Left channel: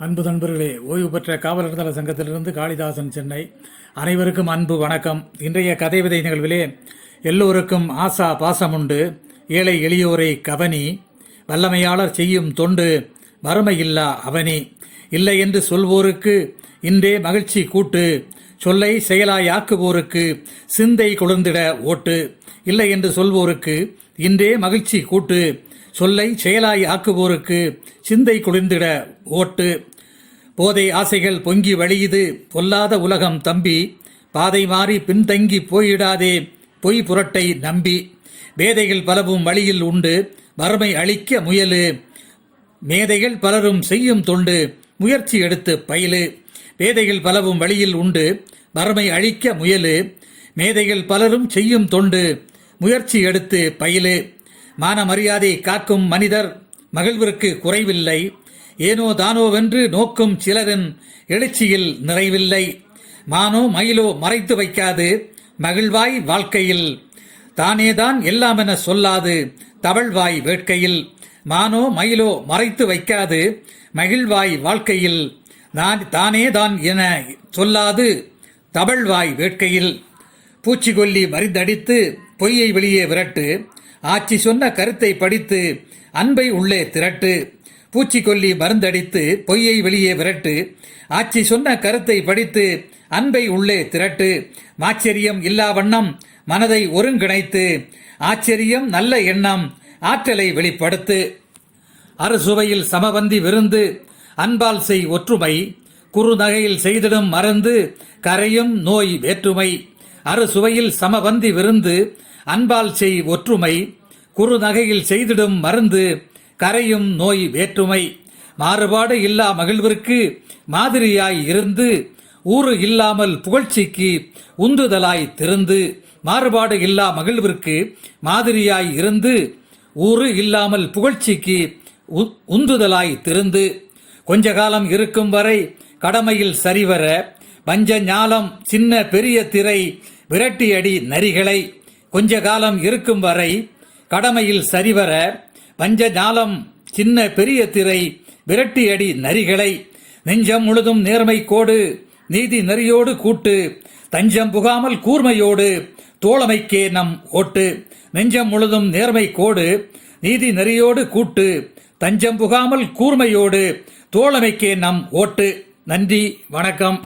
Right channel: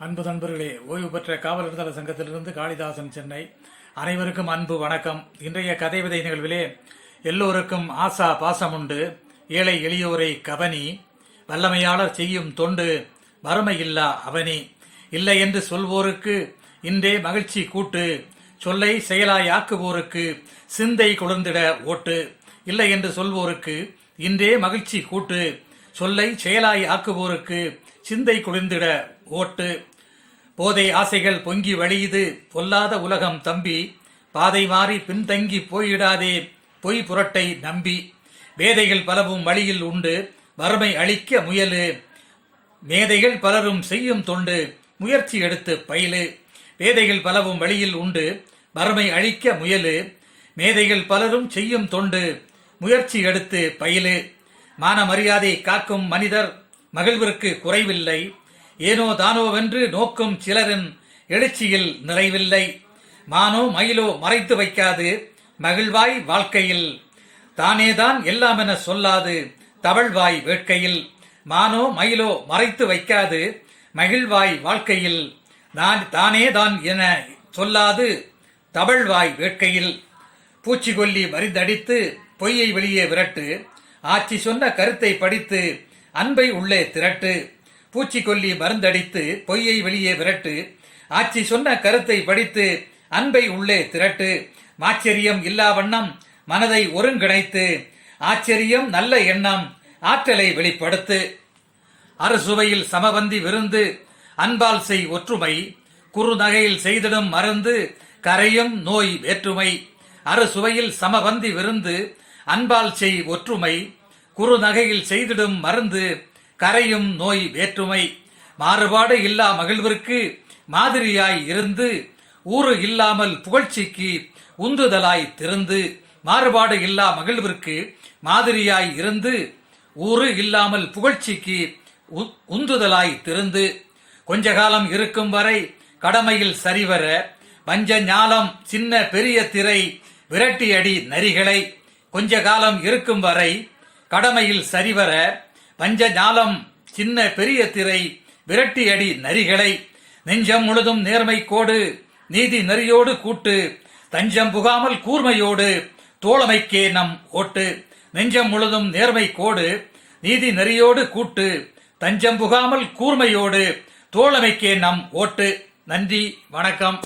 அன்பு நண்பர்களே, ஓய்வு பெற்ற காவலர் தள சங்கத்திலிருந்து காளிதாசன், சென்னை. அனைவருக்கும் அன்பு வணக்கம். இன்றைய கதை விதை நிகழ்விலே எல்லோருக்கும் ஆசா பாசமுண்டு, ஏழை எளியோரை கவனி, வல்லமையாளர் செய்யும் தொண்டு, வறுமையில்லா அவனி. இல்லை என்று சொல்வோருக்கு இன்றே மகிழ்ச்சி கூட்டு, சொல்லை செயலாய் ஆக்குவோருக்கு சிந்தை குளிர்ந்திட ஓட்டு. இல்லை என்று சொல்வோருக்கு இன்றே மகிழ்ச்சி கூட்டு, சொல்லை செயலாய் ஆக்குவோருக்கு சிந்தை குளிர்ந்திட ஓட்டு. போதை ஆசைகள் பொங்கி வழியுது பொல்லாத உலகம் தம்பி, பாதை மாறி பின்தங்கி போயிடாதே பொய் புரட்டை நம்பி. வேதைகள் பலவும் வழியில் உண்டு, வறுமை அழிக்க முயலு, மேதைகள் பலரும் செய்யும் தொண்டு, முயற்சி எடுத்து பயிலு. வேதைகள் பலவும் வழியில் உண்டு, வறுமை அழிக்க முயலு, மேதைகள் பலரும் செய்யும் தொண்டு, முயற்சி எடுத்து பயிலு. மான மரியாதை காக்கும் மனிதர் மகிழ்விற்கு குறைவில்லை, ஏனோ தானோவென்று நோக்கும் சிலரின் எழுச்சியில் நிறைவில்லை. மானோ மயிலோ மறைத்து வைக்காது மகிழ்வாய் வாழ்க்கையில், தானேதான் எல்லாமென சொல்லாது தவழ்வாய் வேட்கையில். மானோ மயிலோ மறைத்து வைக்காது மகிழ்வாய் வாழ்க்கையில், தானேதான் என சொல்லாது தவழ்வாய் வேட்கையில். பூச்சிக்கொல்லி மறிந்தடித்து பொய்யை வெளியே விரட்டு, ஆட்சி சொன்ன கருத்தை படித்து அன்பை உள்ளே திரட்டு. பூச்சிக்கொல்லி மருந்தடித்து பொய்யை வெளியே விரட்டு, ஆட்சி சொன்ன கருத்தை படித்து அன்பை உள்ளே திரட்டு. மாச்சரியம் இல்லா வண்ணம் மனதை ஒருங்கிணைத்து, ஆச்சரியம் நல்ல எண்ணம் ஆற்றலை வெளிப்படுத்து. அறுசுவையில் சமபந்தி விருந்து, அன்பால் செய் ஒற்றுமை, குறுநகையில் செய்திடும் மருந்து, கரையும் நோய் வேற்றுமை. அறுசுவையில் சமபந்தி விருந்து, அன்பால் செய் ஒற்றுமை, குறுநகையில் செய்திடும் மருந்து, கரையும் நோய் வேற்றுமை. மாறுபாடு இல்லா மகிழ்விற்கு மாதிரியாய் இருந்து, ஊறு இல்லாமல் புகழ்ச்சிக்கு உந்துதலாய் திருந்து. மாறுபாடு இல்லா மகிழ்விற்கு மாதிரியாய் இருந்து, ஊறு இல்லாமல் புகழ்ச்சிக்கு உந்துதலாய் திருந்து. கொஞ்ச காலம் இருக்கும் வரை கடமையில் சரிவர, வஞ்ச ஞாலம் சின்ன பெரிய திரை விரட்டியடி நரிகளை. கொஞ்ச காலம் இருக்கும் வரை கடமையில் சரிவர, வஞ்ச ஞாலம் சின்ன பெரிய திரை விரட்டியடி நரிகளை. நெஞ்சம் முழுதும் நேர்மை கோடு, நீதி நெறியோடு கூட்டு, தஞ்சம் புகாமல் கூர்மையோடு தோழமைக்கே நம் ஓட்டு. நெஞ்சம் முழுதும் நேர்மை கோடு, நீதி நெறியோடு கூட்டு, தஞ்சம் புகாமல் கூர்மையோடு தோழமைக்கே நம் ஓட்டு. நன்றி, வணக்கம்.